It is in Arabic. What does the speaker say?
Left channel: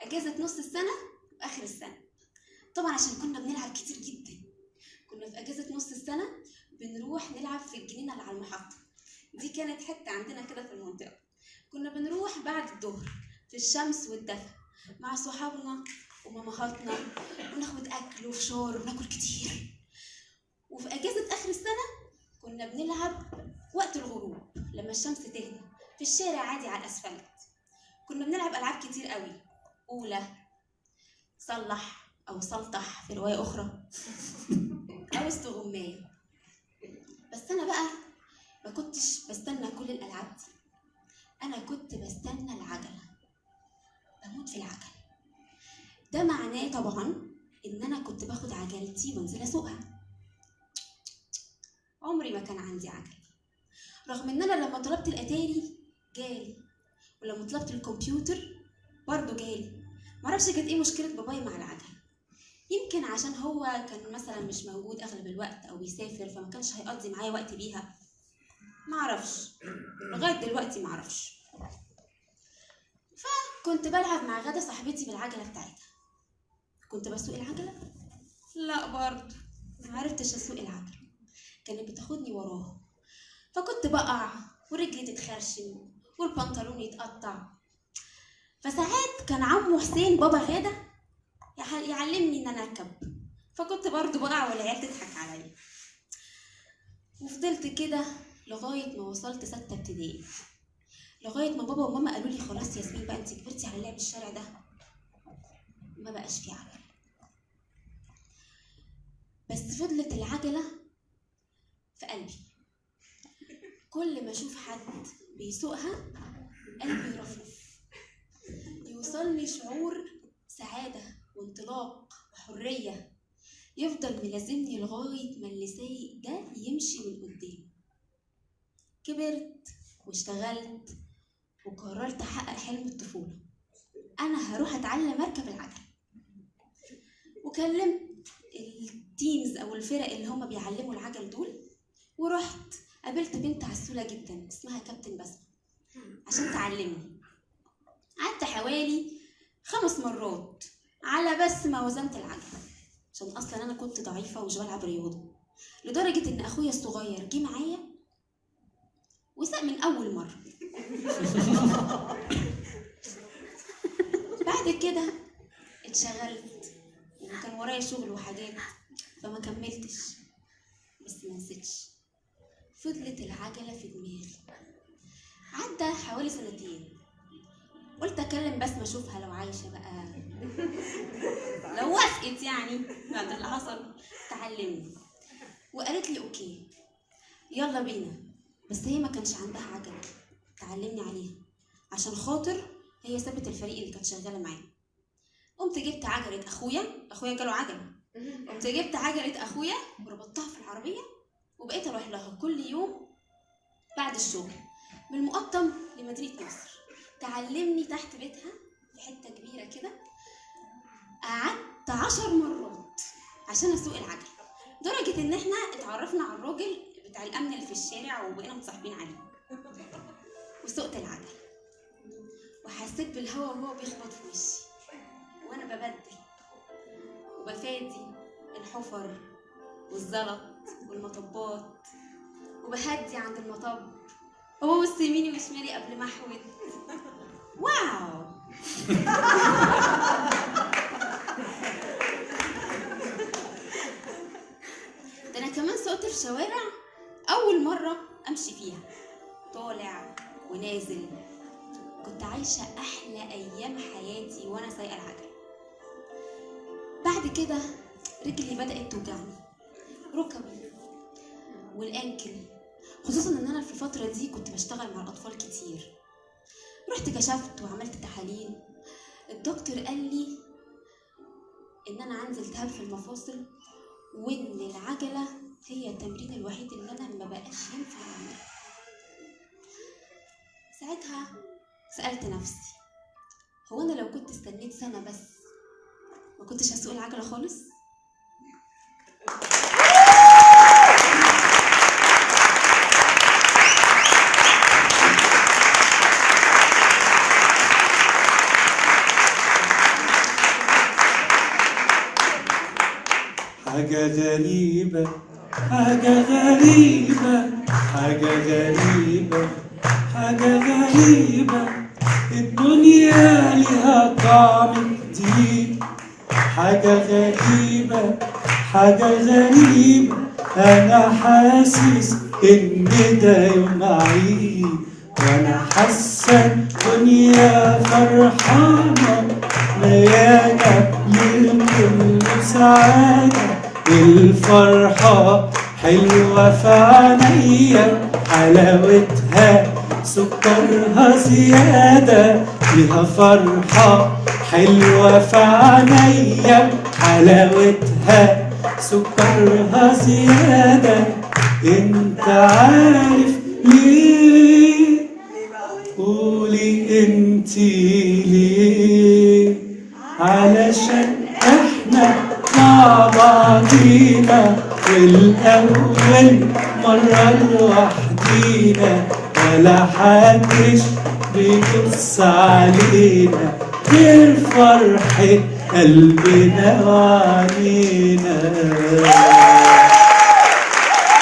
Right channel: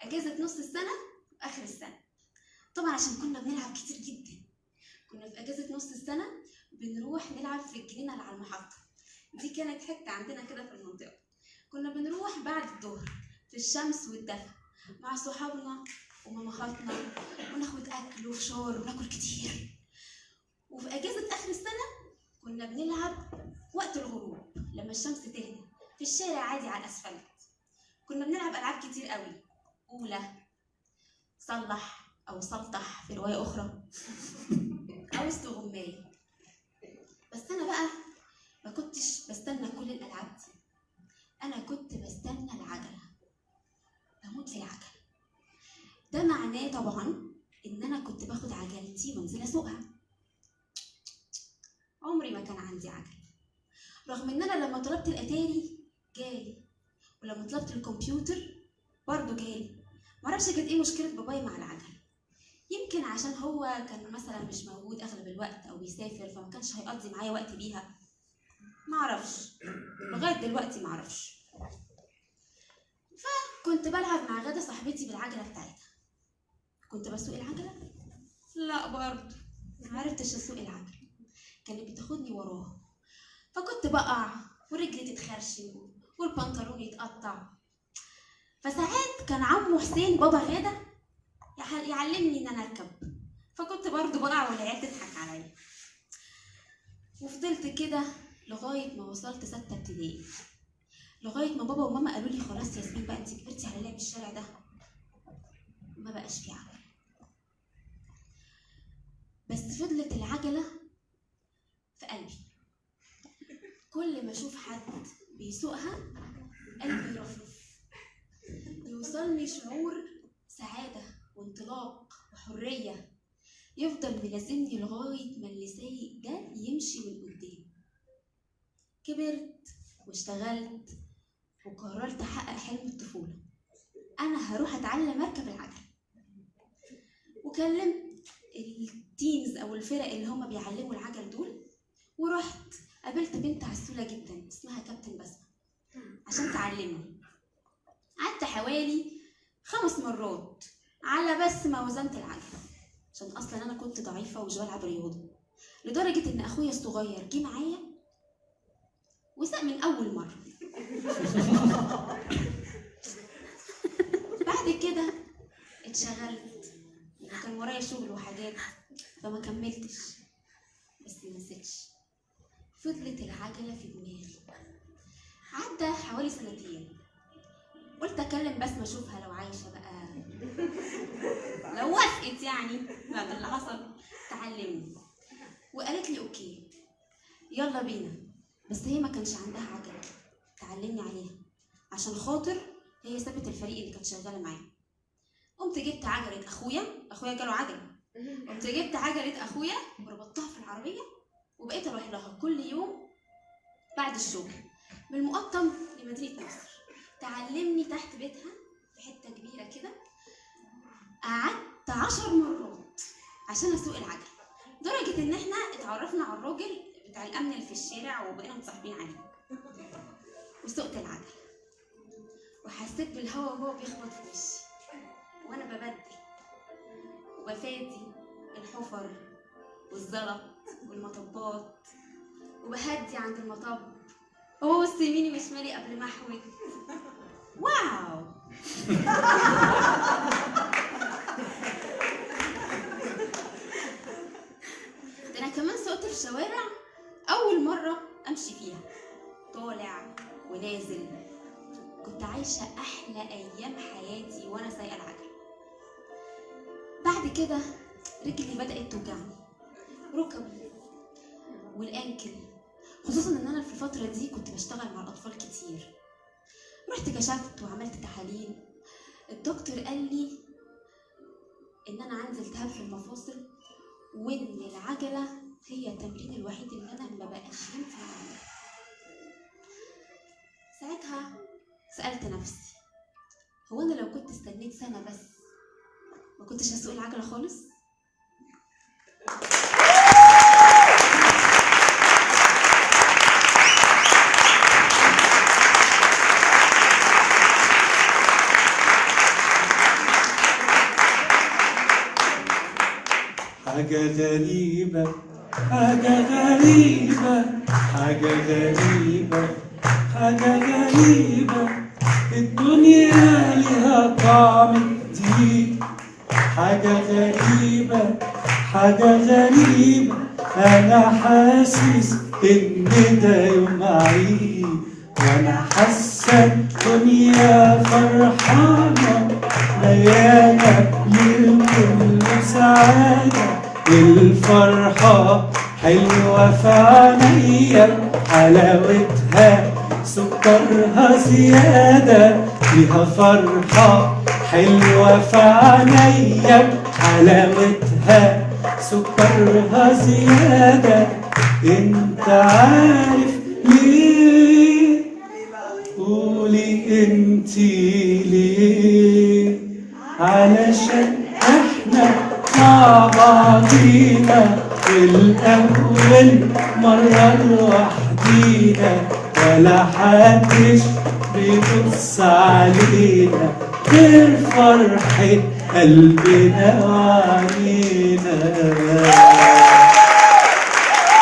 اجازه نص السنه واخر السنه. طبعا عشان كنا بنلعب كتير جدا، كنا في اجازه نص السنه بنروح نلعب في الجنينه اللي على المحطه. دي كانت حته عندنا كده في المنطقه. كنا بنروح بعد الظهر في الشمس والدفا مع صحابنا ومامهاتنا، وناخد اكل وفشار وناكل كتير. وفي اجازه اخر السنه كنا بنلعب وقت الغروب لما الشمس تهدى في الشارع عادي على الاسفلت. كنا بنلعب العاب كتير قوي، اولى، صلح او سلطح في روايه اخرى، او استغمايه. بس انا بقى ما كنتش بستنى كل الالعاب دي، انا كنت بستنى العجله، بموت في العجل. ده معناه طبعا ان انا كنت باخد عجلتي وانزل اسوقها. عمري ما كان عندي عجل، رغم ان انا لما طلبت الاتاري جالي، ولما طلبت الكمبيوتر برضه جالي. معرفش كانت ايه مشكله بابايا مع العجل، يمكن عشان هو كان مثلا مش موجود اغلب الوقت او بيسافر، فما كانش هيقضي معايا وقت بيها. معرفش، لغايه دلوقتي معرفش. فكنت بلعب مع غدا صاحبتي بالعجله بتاعتها. كنت بسوق العجله؟ لا برضه معرفتش اسوق العجله، كانت بتاخدني وراها، فكنت بقع ورجلي تتخرشم والبنطلون يتقطع. فساعات كان عمو حسين بابا غاده يعلمني ان انا اركب، فكنت برضه بقع والعيال تضحك عليا. وفضلت كده لغايه ما وصلت 6 ابتدائي، لغايه ما بابا وماما قالوا لي خلاص يا ياسمين بقى انت كبرتي على لعب الشارع ده، ما بقاش في عجله. بس فضلت العجله في قلبي، كل ما اشوف حد بيسوقها قلبي يرفرف، يوصلني شعور سعاده وانطلاق وحريه، يفضل ملازمني لغايه ما اللي سايق ده يمشي من قدامي. كبرت واشتغلت وقررت احقق حلم الطفوله، انا هروح اتعلم اركب العجل. وكلمت التيمز او الفرق اللي هم بيعلموا العجل دول، ورحت قابلت بنت عسوله جدا اسمها كابتن بسمه عشان تعلمني. قعدت حوالي 5 مرات على بس ما وزنت العجله، عشان اصلا انا كنت ضعيفه ومش بلعب رياضه، لدرجه ان اخويا الصغير جه معايا وساق من اول مره. بعد كده اتشغلت وكان ورايا شغل وحاجات فما كملتش، بس ما نسيتش، فضلت العجله في دماغي. عدى حوالي 2 سنين، قلت اكلم بسمه اشوفها لو عايشه بقى، لو وافقت يعني بعد اللي حصل تعلمني. وقالت لي اوكي يلا بينا، بس هي ما كانش عندها عجله تعلمني عليها، عشان خاطر هي سابت الفريق اللي كانت شغاله معاه. قمت جبت عجله اخويا جاله عجله، قمت جبت عجله اخويا وربطتها في العربيه، وبقيت اروح لها كل يوم بعد الشغل من المقطم لمدينه نصر، تعلمني تحت بيتها في حته كبيره كده. قعدت 10 مرات عشان اسوق العجل، لدرجه ان احنا اتعرفنا على الراجل بتاع الامن اللي في الشارع وبقينا متصاحبين عليه. وسوقت العجل وحسيت بالهواء وهو بيخبط في وشي، وانا ببدل وبفادي الحفر والزلط والمطبات، وبهدي عند المطب وببص يميني وشمالي قبل ما احود. واو. ده انا كمان سقت في شوارع اول مره امشي فيها، طالع ونازل. كنت عايشه احلى ايام حياتي وانا سايقه العجله. بعد كده رجلي بدات توجعني، ركبي والانكل، خصوصا ان انا في الفتره دي كنت بشتغل مع الاطفال كتير. رحت كشفت وعملت تحاليل، الدكتور قال لي ان انا عندي التهاب في المفاصل، وان العجله هي التمرين الوحيد اللي انا ما بقاش ينفع اعمله. ساعتها سالت نفسي، هو انا لو كنت استنيت سنه بس ما كنتش هسوق العجله خالص؟ حاجة غريبة حاجة غريبة حاجة غريبة حاجة غريبة، الدنيا لها طعم جديد. حاجة غريبة حاجة غريبة، أنا حاسس إن ده يوم عيد، وأنا حاسة الدنيا فرحانة مليانة من سعادة. الفرحة حلوة في عينيا، حلاوتها سكرها زيادة. فيها فرحة حلوة في عينيا، حلاوتها سكرها زيادة. انت عارف ليه؟ قولي انتي ليه؟ علشان احنا مع بعضينا الأول مرة لوحدينا، ولا حدش بيبص علينا غير فرحة قلبنا وعلينا.